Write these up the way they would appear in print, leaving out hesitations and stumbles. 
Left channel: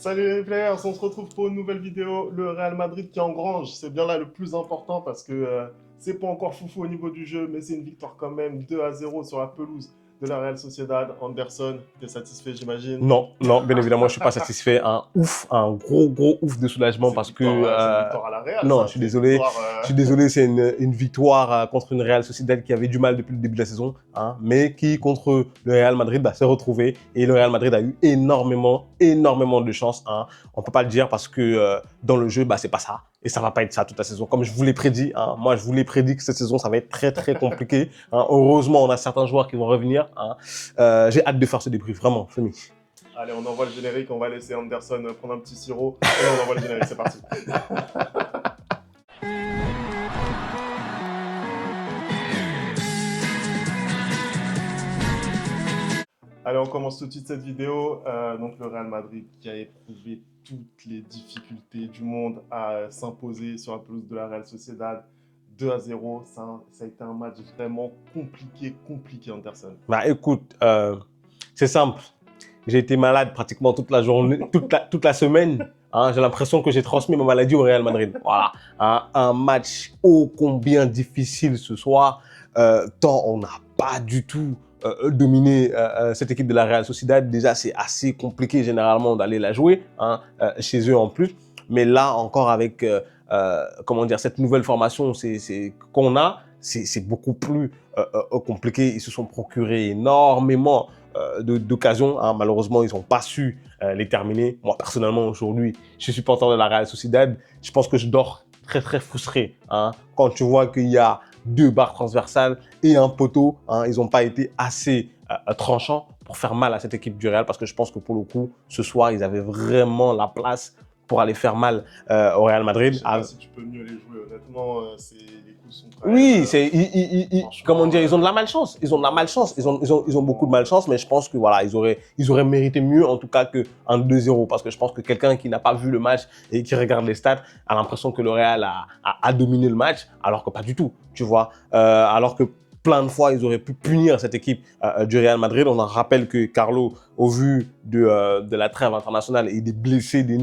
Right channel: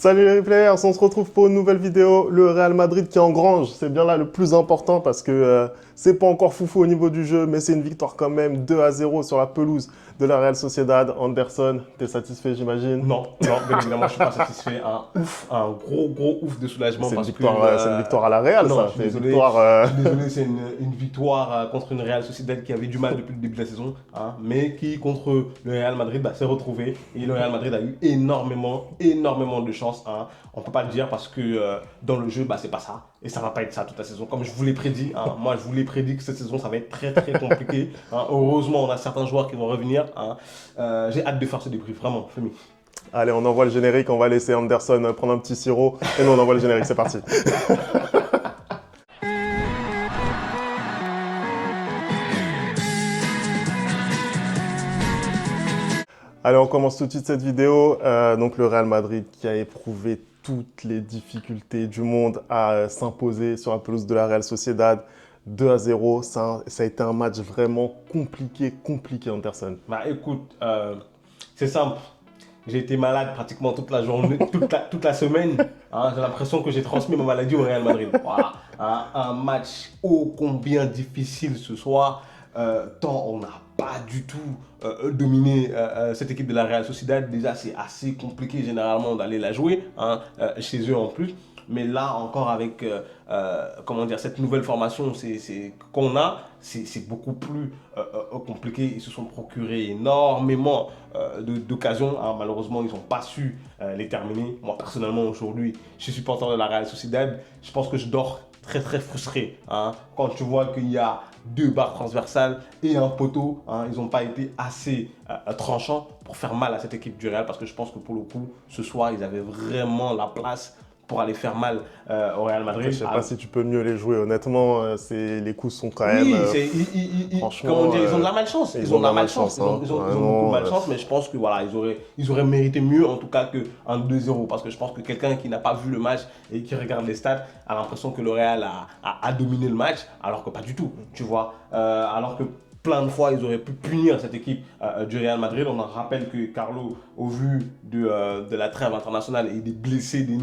Salut les players, on se retrouve pour une nouvelle vidéo. Le Real Madrid qui engrange, c'est bien là le plus important parce que c'est pas encore foufou au niveau du jeu, mais c'est une victoire quand même 2-0 sur la pelouse de la Real Sociedad. Anderson, t'es satisfait j'imagine? Non, non, bien évidemment, je suis pas satisfait. Un gros ouf de soulagement parce que c'est une victoire à la Real, non, ça. je suis désolé. Je suis désolé, c'est une victoire contre une Real Sociedad qui avait du mal depuis le début de la saison, hein, mais qui contre le Real Madrid s'est retrouvé et le Real Madrid a eu énormément de chance. Hein. On peut pas le dire parce que dans le jeu, c'est pas ça. Et ça va pas être ça toute la saison. Comme je vous l'ai prédit, hein, moi je vous l'ai prédit que cette saison ça va être très compliqué. Hein. Heureusement, on a certains joueurs qui vont revenir. Hein. J'ai hâte de faire ce débrief, vraiment, Femi. Allez, on envoie le générique, on va laisser Anderson prendre un petit sirop et nous on envoie le générique, c'est parti. Allez, on commence tout de suite cette vidéo. Donc le Real Madrid qui a éprouvé toutes les difficultés du monde à s'imposer sur la pelouse de la Real Sociedad. 2-0, ça a été un match vraiment compliqué Anderson. Écoute, c'est simple. J'ai été malade pratiquement toute la journée, toute la semaine. Hein, j'ai l'impression que j'ai transmis ma maladie au Real Madrid. Voilà. Hein, un match ô combien difficile ce soir, tant on n'a pas du tout dominé cette équipe de la Real Sociedad. Déjà, c'est assez compliqué généralement d'aller la jouer, hein, chez eux en plus. Mais là, encore avec comment dire, cette nouvelle formation qu'on a, c'est beaucoup plus compliqué. Ils se sont procurés énormément d'occasions. Hein. Malheureusement, ils n'ont pas su les terminer. Moi, personnellement, aujourd'hui, je suis supporter de la Real Sociedad. Je pense que je dors très frustré. Hein. Quand tu vois qu'il y a 2 barres transversales et un poteau, hein, ils n'ont pas été assez tranchants pour faire mal à cette équipe du Real parce que je pense que pour le coup, ce soir, ils avaient vraiment la place pour aller faire mal au Real Madrid. Je sais pas si tu peux mieux les jouer, honnêtement, les coups sont quand même... Oui, comment dire, ils ont de la malchance. Ils ont de la malchance. Ils ont beaucoup de malchance, mais je pense que voilà, ils auraient mérité mieux en tout cas qu'un 2-0 parce que je pense que quelqu'un qui n'a pas vu le match et qui regarde les stats a l'impression que le Real a dominé le match, alors que pas du tout, tu vois. Alors que plein de fois, ils auraient pu punir cette équipe du Real Madrid. On en rappelle que Carlo, au vu de la trêve internationale et des blessés, des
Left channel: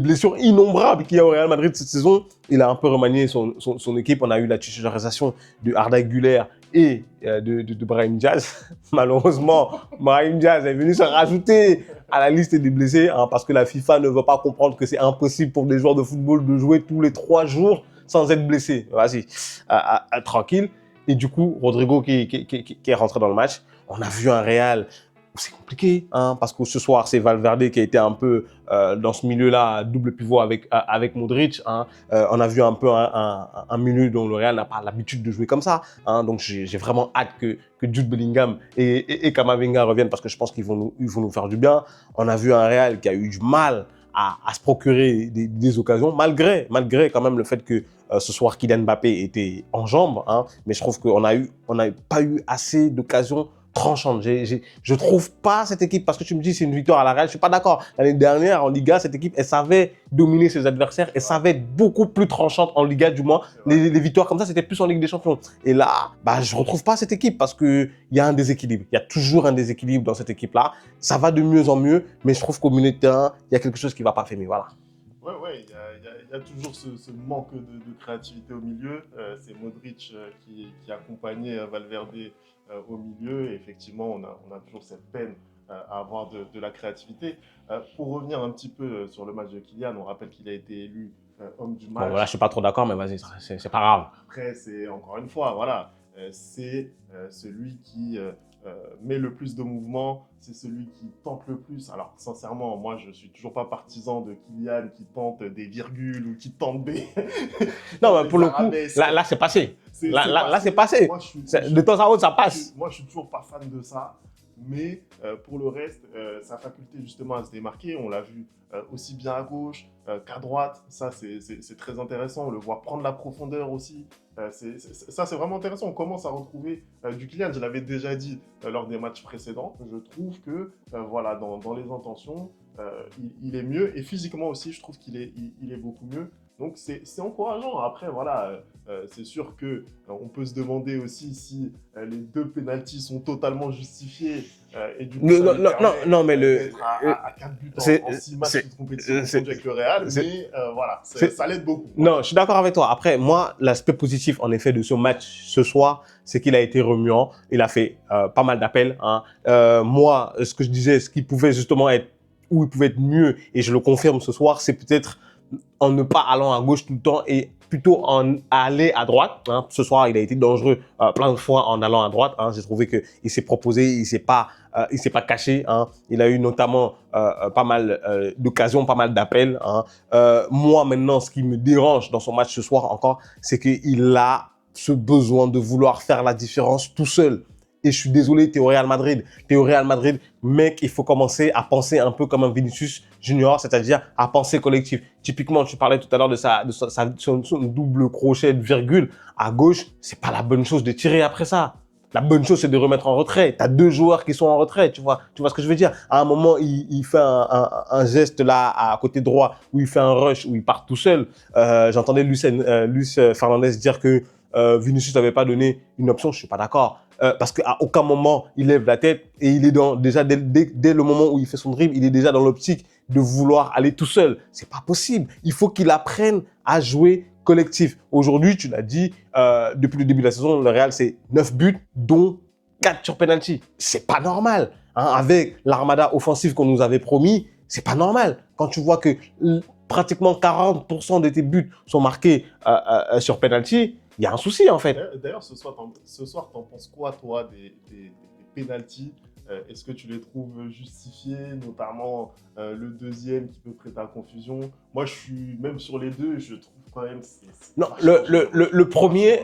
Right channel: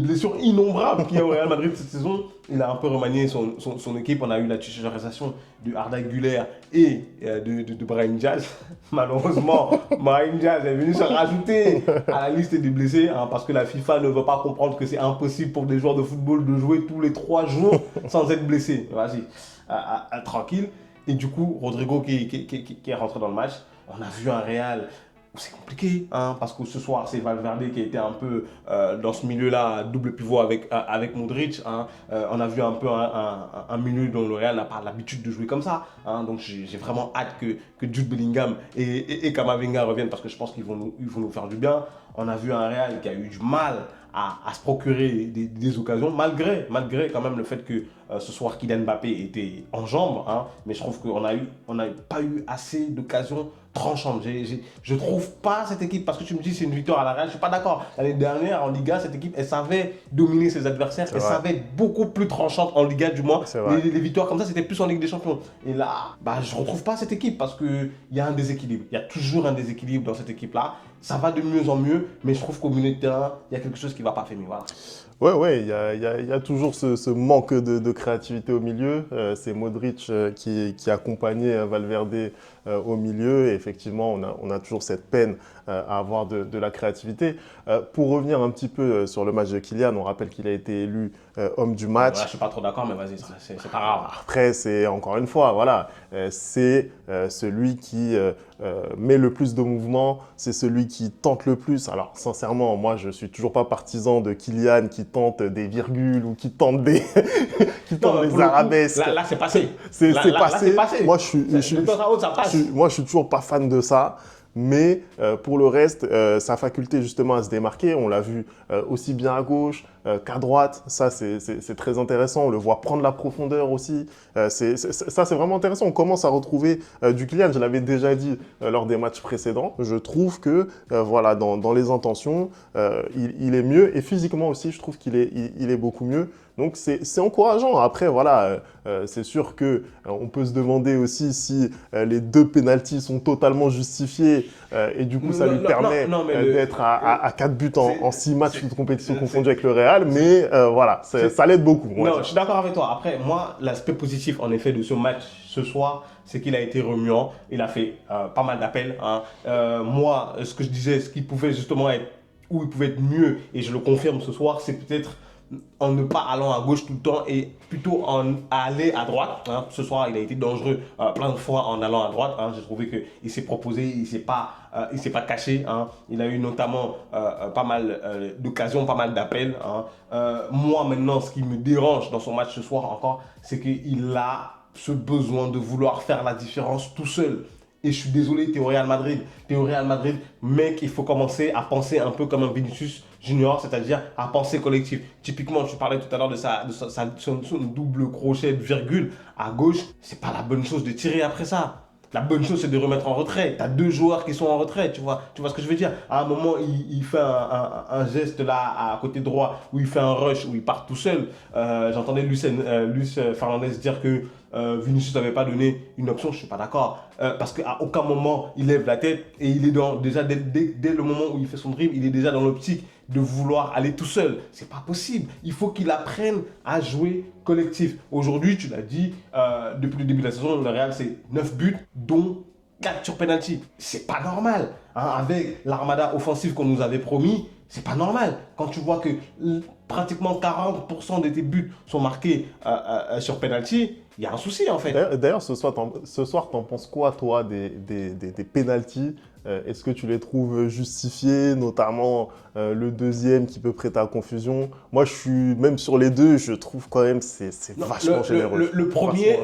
blessures innombrables qu'il y a au Real Madrid cette saison, il a un peu remanié son équipe. On a eu la titularisation de Arda Güler et de Brahim Diaz. Malheureusement, Brahim Diaz est venu se rajouter à la liste des blessés hein, parce que la FIFA ne veut pas comprendre que c'est impossible pour des joueurs de football de jouer tous les 3 jours sans être blessé. Vas-y, tranquille. Et du coup, Rodrigo qui est rentré dans le match, on a vu un Real. C'est compliqué, hein, parce que ce soir, c'est Valverde qui a été un peu dans ce milieu-là, double pivot avec Modric. Hein. On a vu un peu un milieu dont le Real n'a pas l'habitude de jouer comme ça. Hein. Donc, j'ai vraiment hâte que Jude Bellingham et Camavinga reviennent parce que je pense qu'ils vont nous faire du bien. On a vu un Real qui a eu du mal à se procurer des occasions, malgré quand même le fait que ce soir, Kylian Mbappé était en jambes. Hein. Mais je trouve qu'on n'a pas eu assez d'occasions tranchante. Je trouve pas cette équipe, parce que tu me dis c'est une victoire à la Real, je suis pas d'accord. L'année dernière, en Liga, cette équipe, elle savait dominer ses adversaires, elle savait être beaucoup plus tranchante en Liga, du moins. Les victoires comme ça, c'était plus en Ligue des Champions. Et là, je retrouve pas cette équipe parce qu'il y a un déséquilibre. Il y a toujours un déséquilibre dans cette équipe-là. Ça va de mieux en mieux, mais je trouve qu'au milieu de terrain, il y a quelque chose qui va pas faire. Voilà. Ouais, il y a toujours ce manque de créativité au milieu. C'est Modric qui accompagnait Valverde au milieu. Et effectivement, on a toujours cette peine à avoir de la créativité. Pour revenir un petit peu sur le match de Kylian, on rappelle qu'il a été élu homme du match. Voilà, je suis pas trop d'accord, mais vas-y, c'est pas grave. Après, c'est encore une fois, voilà, c'est celui qui met le plus de mouvements, c'est celui qui tente le plus. Alors, sincèrement, moi, je suis toujours pas partisan de Kylian qui tente des virgules ou qui tente des, arabesques. Là, c'est passé. Là, c'est passé. Moi, de temps à autre, ça passe. Moi, je suis toujours pas fan de ça. Mais pour le reste, sa faculté justement à se démarquer, on l'a vu aussi bien à gauche qu'à droite. Ça, c'est très intéressant. On le voit prendre la profondeur aussi. Ça, c'est vraiment intéressant. On commence à retrouver du Kylian. Je l'avais déjà dit lors des matchs précédents. Je trouve que voilà, dans les intentions, il est mieux. Et physiquement aussi, je trouve qu'il est beaucoup mieux. Donc, c'est encourageant. Après, voilà, c'est sûr qu'on peut se demander aussi si les 2 pénaltys sont totalement justifiés. et du coup, ça lui permet d'être à 4 buts en 6 matchs de compétition confondus avec le Real. Mais voilà, ça l'aide beaucoup. Non, je suis d'accord avec toi. Après, moi, l'aspect positif, en effet, de ce match ce soir, c'est qu'il a été remuant. Il a fait pas mal d'appels. Hein. Moi, ce que je disais, ce qui pouvait justement être, où il pouvait être mieux, et je le confirme ce soir, c'est peut-être en ne pas allant à gauche tout le temps et plutôt en aller à droite. Hein. Ce soir, il a été dangereux plein de fois en allant à droite. Hein. J'ai trouvé qu'il s'est proposé, il s'est pas caché. Hein. Il a eu notamment pas mal d'occasions, pas mal d'appels. Hein. Moi, maintenant, ce qui me dérange dans son match ce soir encore, c'est qu'il a ce besoin de vouloir faire la différence tout seul. Et je suis désolé, tu es au Real Madrid. Tu es au Real Madrid, mec, il faut commencer à penser un peu comme un Vinicius Junior, c'est-à-dire à penser collectif. Typiquement, tu parlais tout à l'heure de son double crochet de virgule à gauche. C'est pas la bonne chose de tirer après ça. La bonne chose, c'est de remettre en retrait. Tu as 2 joueurs qui sont en retrait, tu vois ce que je veux dire. À un moment, il fait un geste là à côté droit où il fait un rush, où il part tout seul. J'entendais Luis Fernandez dire que Vinicius n'avait pas donné une option, je ne suis pas d'accord. Parce qu'à aucun moment, il lève la tête et il est déjà, dès le moment où il fait son dribble, il est déjà dans l'optique de vouloir aller tout seul. Ce n'est pas possible. Il faut qu'il apprenne à jouer collectif. Aujourd'hui, tu l'as dit, depuis le début de la saison, le Real, c'est 9 buts, dont 4 sur penalty. C'est pas normal. Hein, avec l'armada offensive qu'on nous avait promis, c'est pas normal. Quand tu vois que pratiquement 40% de tes buts sont marqués sur penalty, il y a un souci en fait. D'ailleurs, ce soir, t'en penses quoi, toi, des pénaltys? Est-ce que tu les trouves justifiés, notamment le deuxième qui peut prêter à confusion? Moi, je suis même sur les deux, je trouve quand même c'est vachement généreux. Le premier,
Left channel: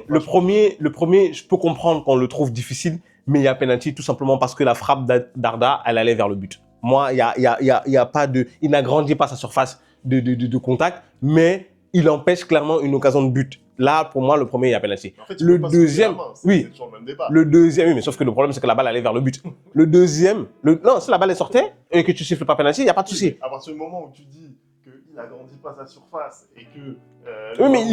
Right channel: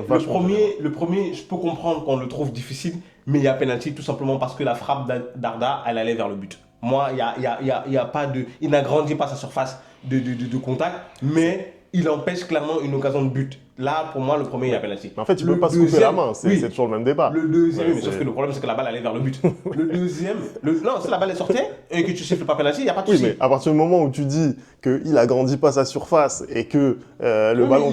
je peux comprendre qu'on le trouve difficile, mais il y a penalty tout simplement parce que la frappe d'Arda, elle allait vers le but. Moi, il y a pas de, il n'agrandit pas sa surface de contact, mais il empêche clairement une occasion de but. Là, pour moi, le premier, il y a penalty. En fait, il ne peut pas soulever la main, c'est toujours le même débat. Le deuxième, oui, mais sauf que le problème, c'est que la balle allait vers le but. Le deuxième, non, si la balle est sortie et que tu siffles pas penalty, il n'y a pas de souci. Mais à partir du moment où tu dis qu'il agrandit pas sa surface et que le ballon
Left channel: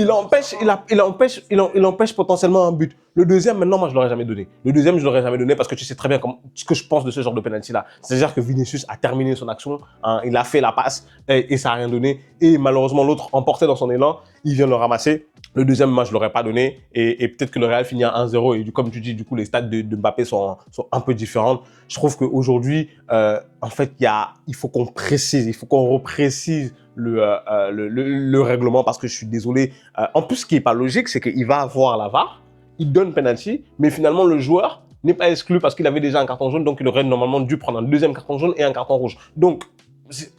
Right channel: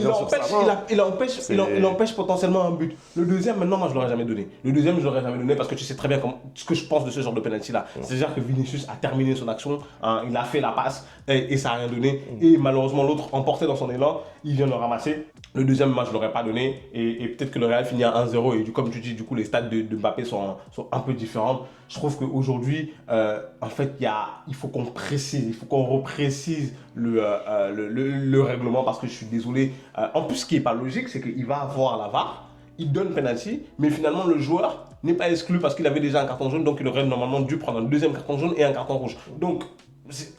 il empêche potentiellement un but. Le deuxième, maintenant, moi, je ne l'aurais jamais donné. Le deuxième, je ne l'aurais jamais donné parce que tu sais très bien ce que je pense de ce genre de penalty-là. C'est-à-dire que Vinicius a terminé son action, hein, il a fait la passe et ça n'a rien donné. Et malheureusement, l'autre, emporté dans son élan, il vient le ramasser. Le deuxième, moi, je ne l'aurais pas donné. Et peut-être que le Real finit à 1-0. Et comme tu dis, du coup, les stats de Mbappé sont un peu différentes. Je trouve qu'aujourd'hui, en fait, il faut qu'on précise, il faut qu'on reprécise le règlement parce que je suis désolé. En plus, ce qui n'est pas logique, c'est qu'il va avoir la VAR, il donne penalty, mais finalement, le joueur n'est pas exclu parce qu'il avait déjà un carton jaune. Donc, il aurait normalement dû prendre un deuxième carton jaune et un carton rouge. Donc,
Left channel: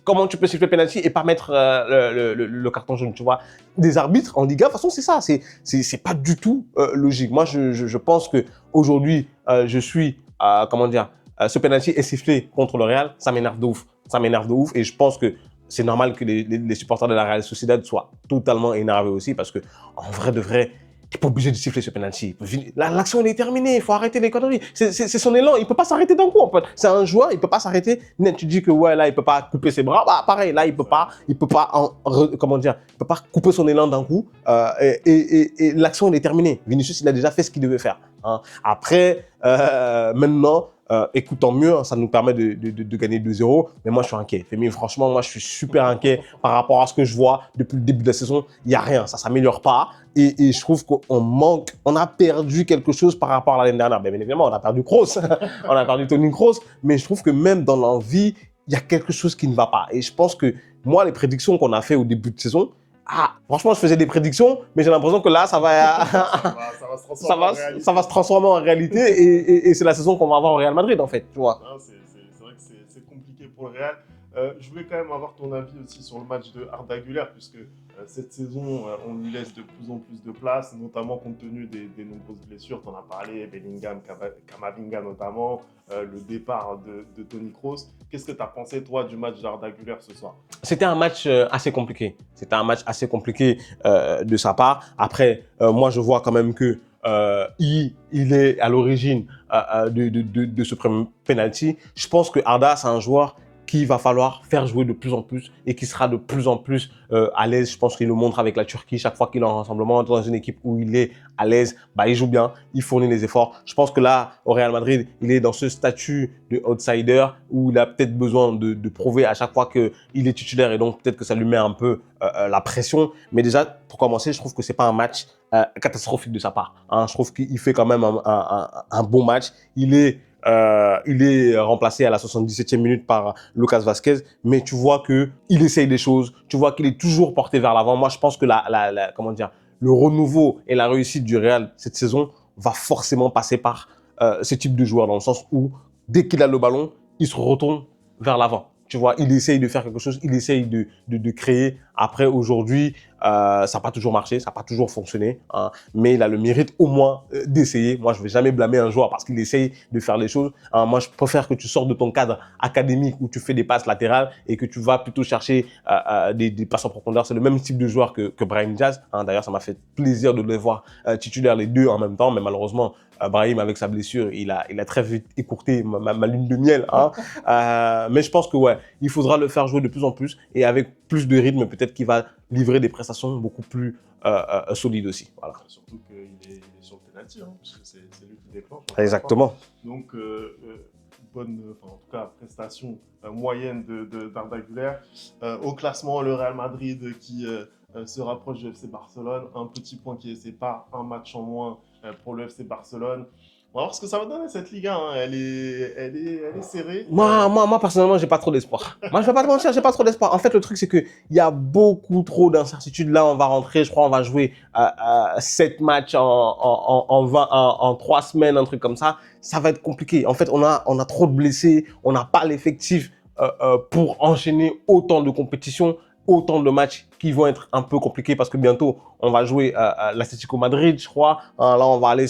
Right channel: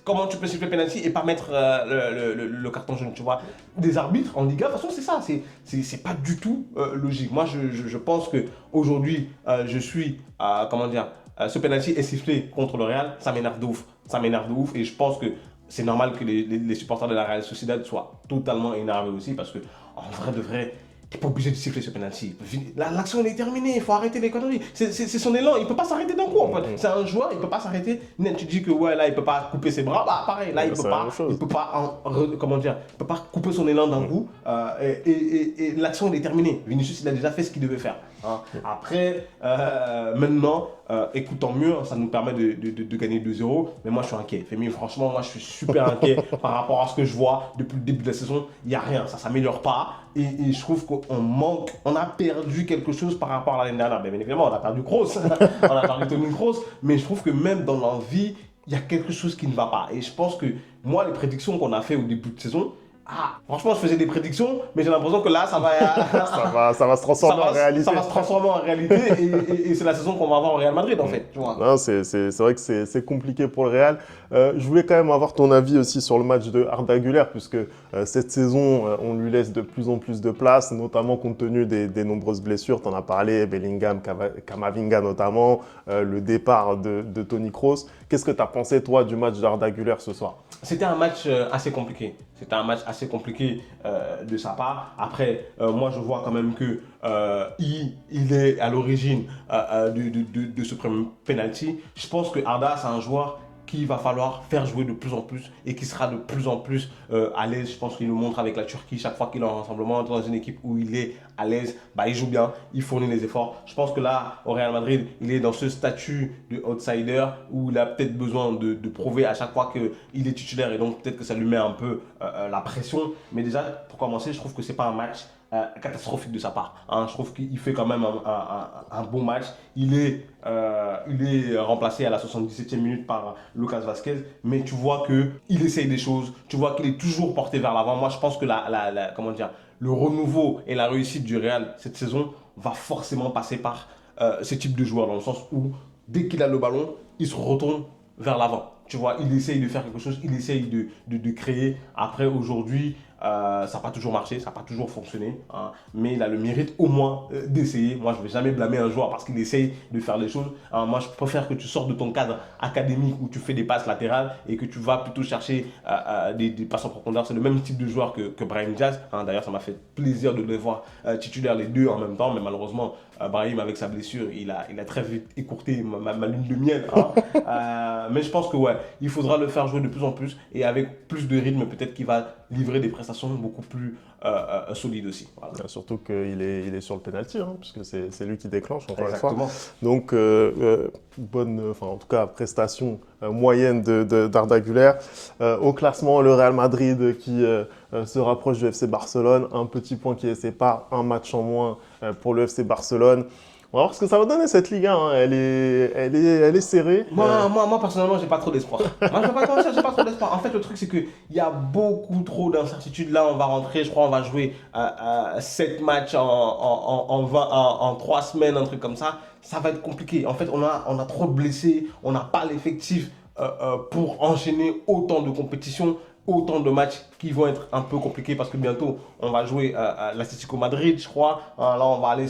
comment tu peux siffler penalty et pas mettre le carton jaune, tu vois? Des arbitres en Liga, de toute façon, c'est ça. C'est pas du tout logique. Moi, je pense qu'aujourd'hui, je suis, comment dire, ce penalty est sifflé contre le Real. Ça m'énerve de ouf. Ça m'énerve de ouf et je pense que c'est normal que les supporters de la Real Sociedad soient totalement énervés aussi parce que, en vrai de vrai, tu n'es pas obligé de siffler ce penalty. L'action est terminée, il faut arrêter les conneries. C'est son élan, il ne peut pas s'arrêter d'un coup en fait. C'est un joueur, il ne peut pas s'arrêter. Tu dis que ouais, là, il ne peut pas couper ses bras. Bah, pareil, là, il ne peut pas couper son élan d'un coup. Et l'action est terminée. Vinicius, il a déjà fait ce qu'il devait faire. Hein. Après, maintenant, écoutant mieux, ça nous permet de gagner 2-0. Mais moi, je suis inquiet. Femi, franchement, moi, je suis super inquiet par rapport à ce que je vois depuis le début de la saison. Il n'y a rien, ça ne s'améliore pas. Et je trouve qu'on manque, on a perdu quelque chose par rapport à l'année dernière. Bien évidemment, on a perdu Kroos, on a perdu Toni Kroos. Mais je trouve que même dans l'envie, il y a quelque chose qui ne va pas. Et je pense que moi, les prédictions qu'on a fait au début de saison, franchement, je faisais des prédictions, mais j'ai l'impression que là, ça va se transformer en réalité. Ça va se transformer en réalité et c'est la saison qu'on va avoir au Real Madrid, en fait. Tu vois. C'est vrai que c'est compliqué pour le Real. Je voulais quand même avoir ton avis aussi sur le match de Arda Güler, puisque cette saison, on lui laisse de plus en plus de place, notamment compte tenu des nombreuses blessures. Tu en as parlé, Bellingham, Camavinga notamment, le départ de Toni Kroos. Qu'est-ce que tu as pensé, toi, du match d'Arda Güler ce soir? C'était un match assez compliqué. C'était un match assez compliqué de sa part. Après, moi, je vois quand même que il est à l'origine de ce premier penalty. Je pense que Arda, c'est un joueur qu'il va falloir faire jouer de plus en plus et qui sera de plus en plus à l'aise. Je pense qu'il le montre avec la Turquie. Chaque fois qu'il est en rassemblement dans une équipe où il est à l'aise, bah, il joue bien, il fournit les efforts. Je pense que là, au Real Madrid, il est dans ce statut de outsider où il a peut-être besoin de prouver à chaque fois qu'il est titulaire et donc peut-être que ça lui met un peu la pression. Mais déjà, pour commencer, je trouve que ce n'est pas un match catastrophique de sa part. Hein. Je trouve qu'il fait quand même un bon match. Il est remplacé à la 77e minute par Lucas Vazquez, mais tu vois qu'il essaye des choses, tu vois qu'il est toujours porté vers l'avant. Moi, je pense que comment dire, le renouveau et la réussite du Real cette saison va forcément passer par ce type de joueur, dans le sens où dès qu'il a le ballon, il se retourne vers l'avant. Tu vois, il essaye de faire quelque chose, il essaye de créer. Après, aujourd'hui, ça n'a pas toujours marché, ça n'a pas toujours fonctionné, hein, mais il a le mérite au moins d'essayer. Moi, je ne vais jamais blâmer un joueur parce qu'il essaye de faire les choses. Hein. Moi, je préfère que tu sortes de ton cadre académique où tu fais des passes latérales et que tu vas plutôt chercher des passes en profondeur. C'est le même type de joueur que Brahim Diaz. Hein. D'ailleurs, ça m'a fait plaisir de les voir titulaires les deux en même temps, mais malheureusement, Brahim, avec sa blessure, il a très vite écourté ma lune de miel. Hein. Mais je pense que ouais, il faudra le faire jouer de plus en plus et avec plus de rythme, peut-être qu'il va livrer des prestations beaucoup plus solides aussi. Voilà. Surtout qu'il est sur le penalty, hein, puisque c'est lui qui déclenche. Exactement. Donc, bonne, en tout cas, prestation moyenne d'Arda Güler. Au classement, le Real Madrid qui se rapproche du FC Barcelone. Un petit point qui les sépare, un match en moins pour le FC Barcelone. On va voir ce que ça va donner cette Ligue 1. Hein. Elle est serrée. Moi, personnellement, j'ai pas trop d'espoir. Moi, je vais pas te mentir, j'ai pas trop d'espoir. En fait, le truc, c'est qu'il y a beaucoup trop d'incertitudes. Là, on va rentrer, je crois, on va jouer 7 matchs en 3 semaines, un truc comme ça. Ça va être compliqué. En fait, on a trop de blessés. On n'a pas l'effectif pour enchaîner autant de compétitions, autant de matchs qui vont être un peu compliqués parce que bientôt, on va jouer l'Atlético Madrid, je crois. Là, on va aller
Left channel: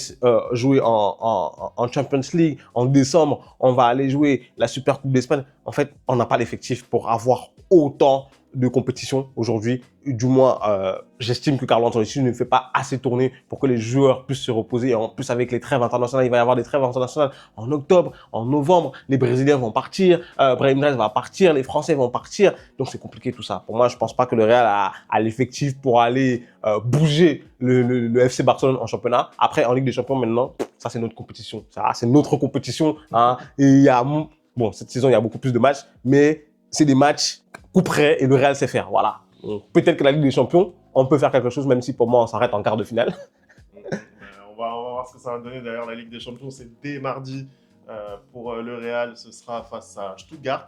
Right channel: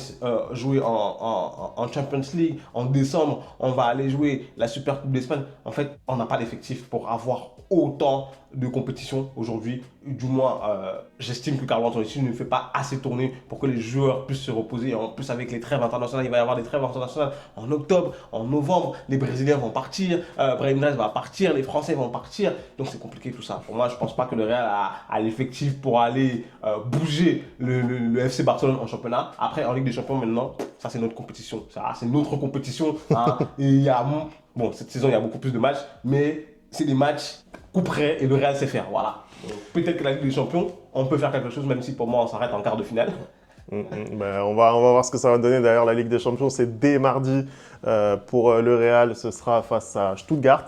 jouer en Champions League. En décembre, on va aller jouer la Super Coupe d'Espagne. En fait, on n'a pas l'effectif pour avoir autant de compétitions aujourd'hui. Du moins, j'estime que Carlo Ancelotti ne fait pas assez tourner pour que les joueurs puissent se reposer. Et en plus, avec les trêves internationales, il va y avoir des trêves internationales en octobre, en novembre. Les Brésiliens vont partir, Brahim Diaz va partir, les Français vont partir. Donc, c'est compliqué tout ça. Pour moi, je ne pense pas que le Real a l'effectif pour aller bouger le FC Barcelone en championnat. Après, en Ligue des Champions, maintenant, ça, c'est notre compétition. Ça, c'est notre compétition. Hein. Et il y a, bon, cette saison, il y a beaucoup plus de matchs, mais c'est des matchs coup près et le Real sait faire. Voilà. Peut-être que la Ligue des Champions, on peut faire quelque chose, même si pour moi, on s'arrête en quart de finale. Ben, on va voir ce que ça va donner. D'ailleurs, la Ligue des Champions, c'est dès mardi pour le Real. Ce sera face à Stuttgart.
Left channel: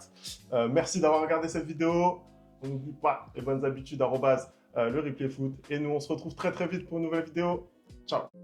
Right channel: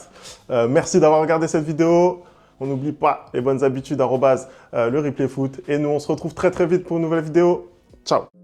Merci d'avoir regardé cette vidéo. On n'oublie pas les bonnes habitudes, @le replay foot. Et nous, on se retrouve très vite pour une nouvelle vidéo. Ciao.